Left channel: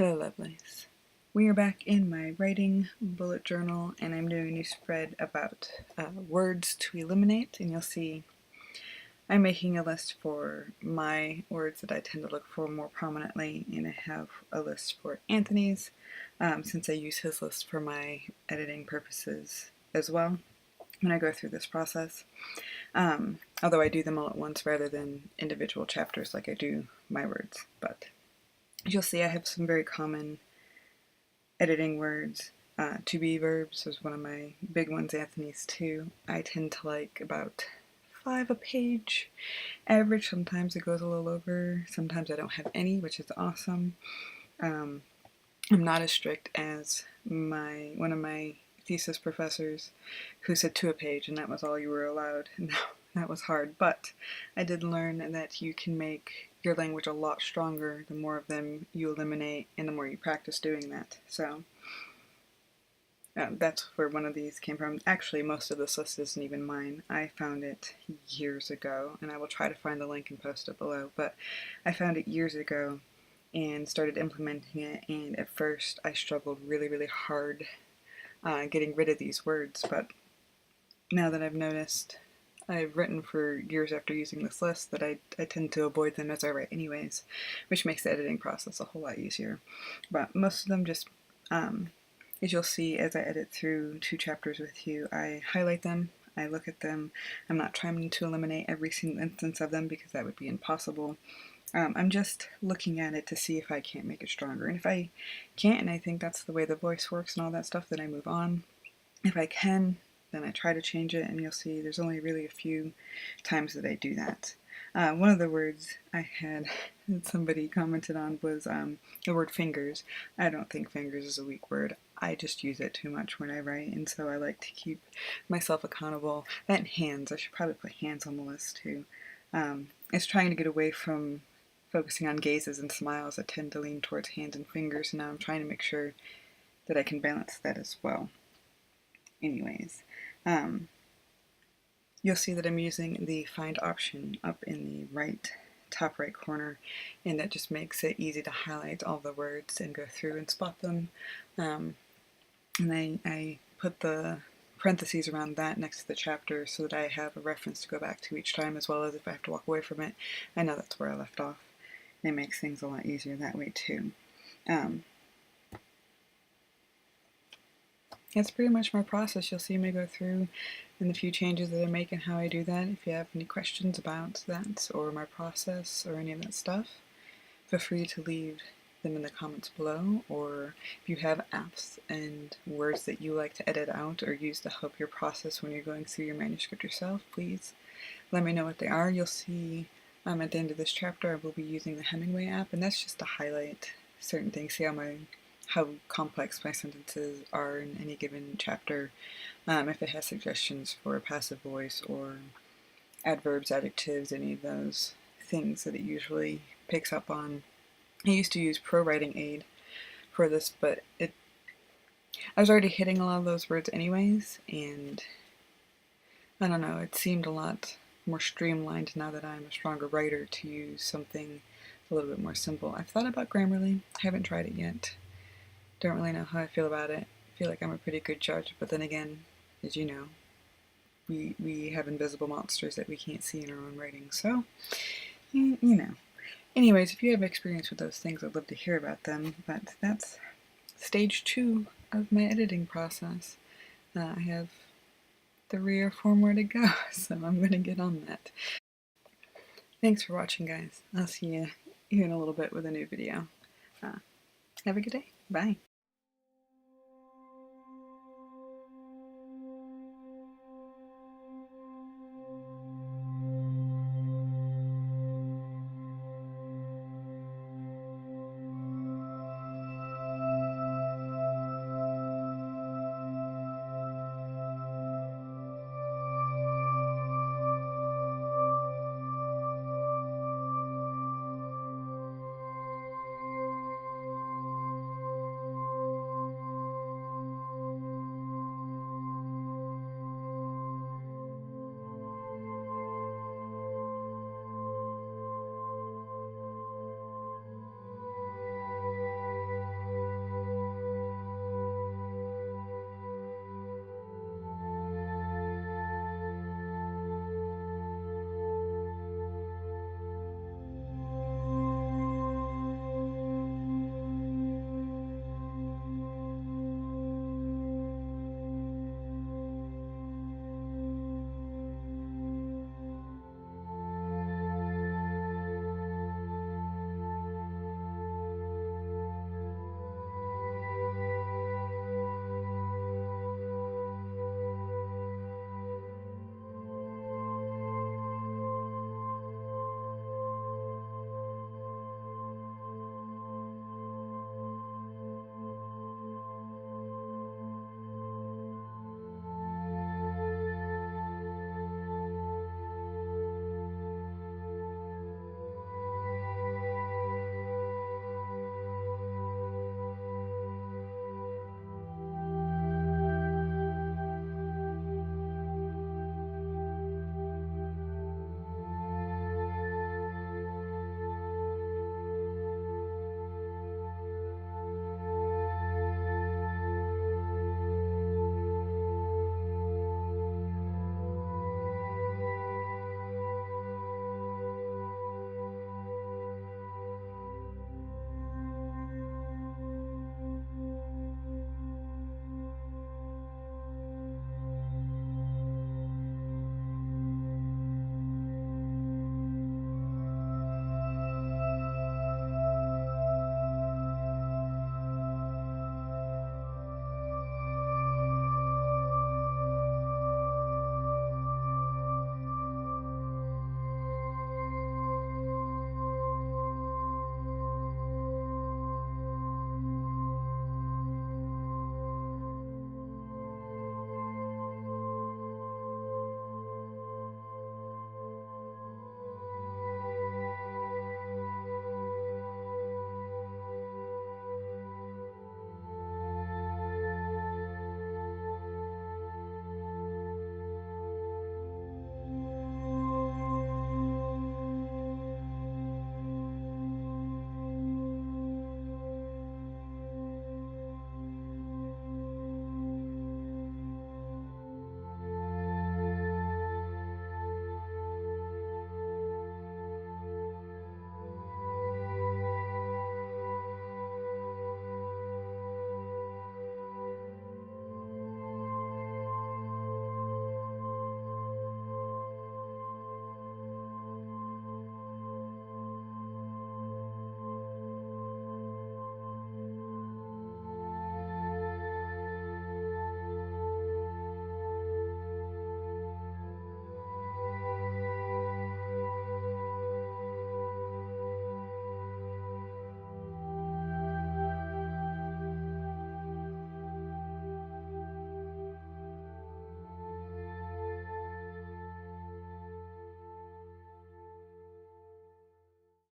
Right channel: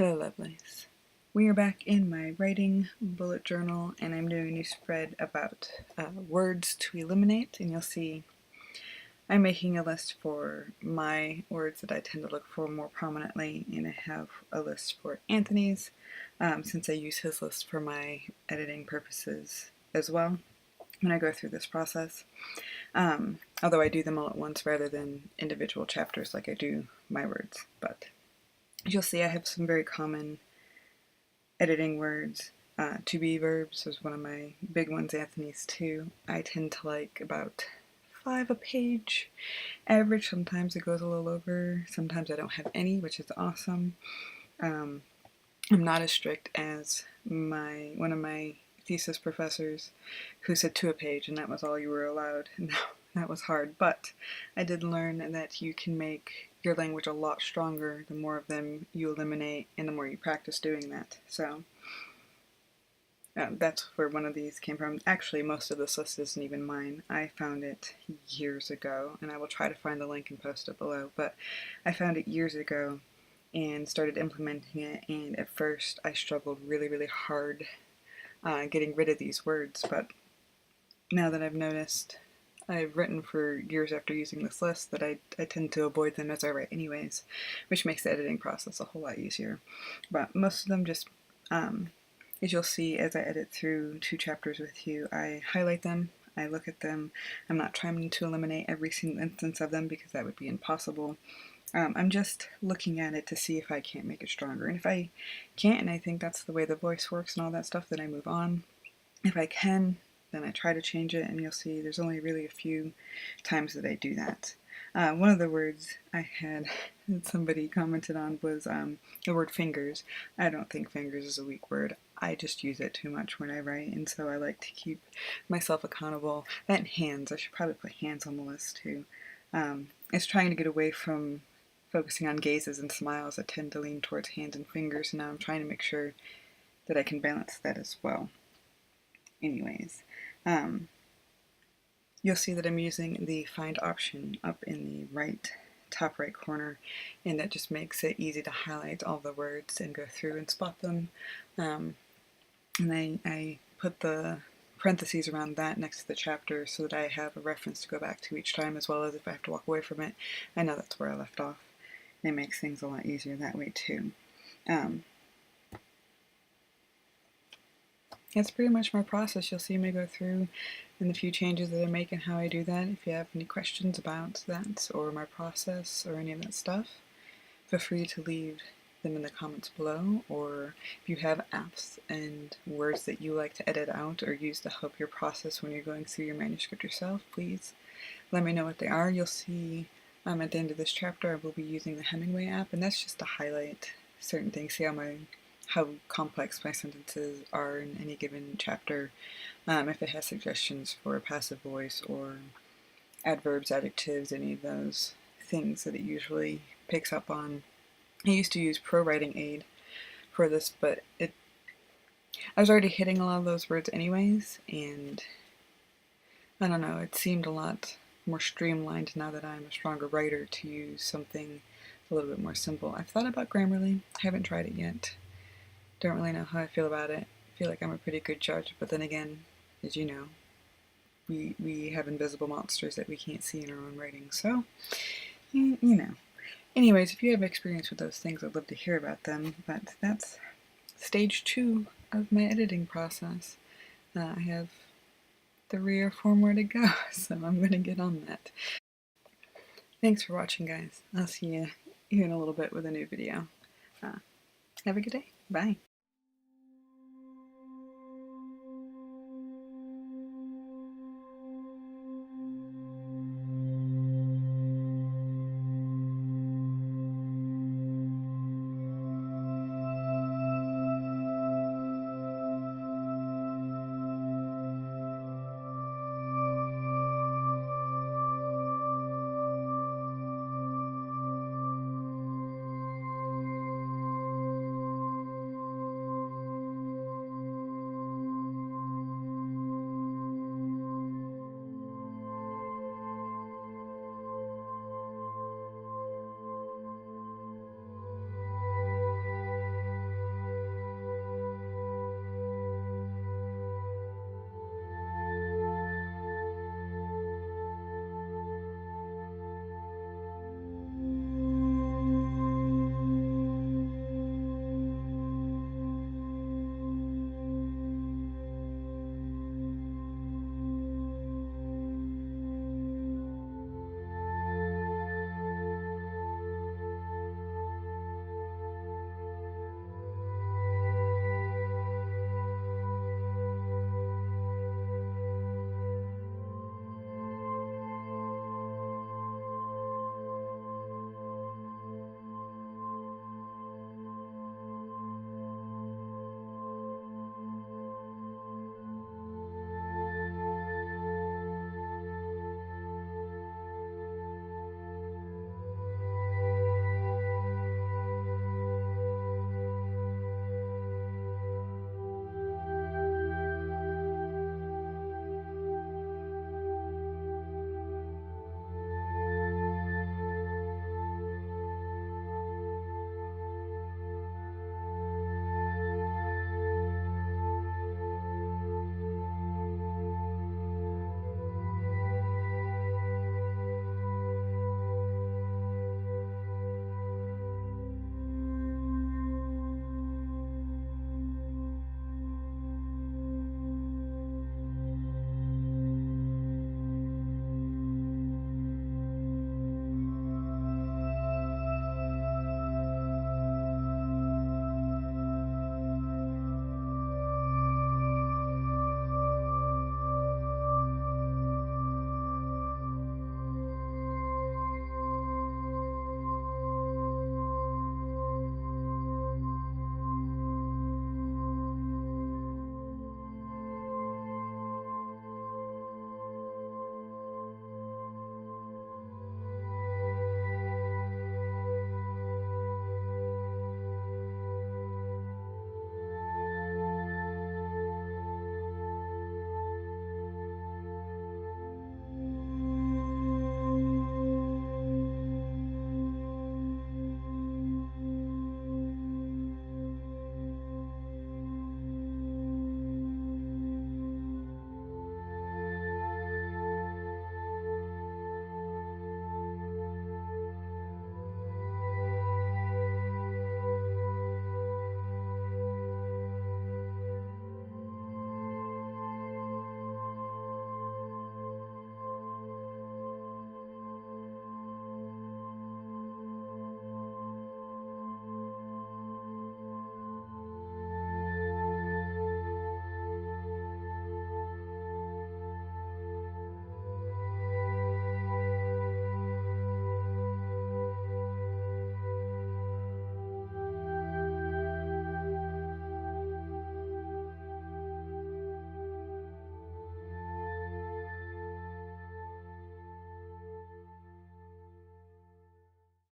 Hello lovelies. We are back in my writing bullet journal and I'm doing a new spread about words to eliminate, and you'll see I'm making a list for my words that I tend to look for more prominently, and I have a list for Anthony's since I use his list for my editing purposes as well when I go through this process. Although I do them all at once rather than individual chapters like I do my words. But you'll see I have some very common editing words. To be verbs is one of my big ones, Anthony's too. I tend to like about 5 a page average. Sometimes it goes a little over, sometimes I don't have any, which is awesome. I'm not as strict as one of my thesis professors who said 2 a page and that was all you were allowed. No, that was hard, but I did learn that you can make your language a lot stronger the more of them you eliminate and the more you practice doing that. So that's where one of these came from. Actually, most of this list isn't even mine. I found it years ago, and I will try to find the link and post it below, but I found it years ago and started implementing it, and at first I struggled really hard getting rid of these words, but now that I've noticed, I've written for years after using this list that I tend to avoid them as I write anyways, which makes the editing process a whole lot easier. But most of them just, as you'll see as I edit through 2 chapters with you, I highlight them, I look at them. I'm not trying to eliminate every single instance of them because that would be impossible. I'm just looking at it to see if I can't make it stronger. And if I can't, and I think that's the way the voice works and all that stuff, then I move on. If I can, then I try to change it, and you'll see there's only really a few times that I do that. One of the words I had that somebody commented on was the word fingers. I don't think fingers is a weak word. I just use it too much when I write, and so I like to keep myself accountable. That and hands. I should probably put hands on the list too. It's trying to get away from focusing on gazes and smiles. I tend to lean towards hands and fingers, and now I'm trying to make sure that I can balance that as well. Anyways, you'll see that I'm using the find option up in the top right corner, and that just makes it easy to highlight all the words and go through and spot them. And I put the parentheses around that next to the chapter so that I have a reference to go back to each time, as well as if I have to walk away from it, I know that's where I left off. And it makes things a lot easier that way too. That's pretty much my process. You'll see me go through in the few changes that I make and how I do that. If you have any questions about that or my process or any of that stuff, feel free to leave them in the comments below, or if you have apps and words that you like to edit out or use to help your process when you're going through your manuscript yourself, please let me know what they are. You'll see at the end of this chapter I will be using the Hemingway app, and that's just to highlight certain things, see how complex my sentences are in any given chapter, if it has suggestions for a passive voice or adverbs, adjectives, any of those things that it usually picks up on. I used to use Pro Writing Aid for this, but I was already hitting a lot of those words anyways, and I don't know, it seemed a lot more streamlined now that I'm a stronger writer to use something a little bit more simple. I've thought about Grammarly, haven't tried it yet. Don't really know how I feel about it. I feel like I'm a pretty good judge, but then again, as you know, we have invisible monsters that we can't see in our own writing, so, you know. Anyways, if you have experience with those things, I'd love to hear about them, but that's stage 2 of my editing process. I have 3 or 4 more to go, so I'm going to get on that. Thanks for watching, guys. I'll see you here in a little bit with a new video. Have a good day. Bye.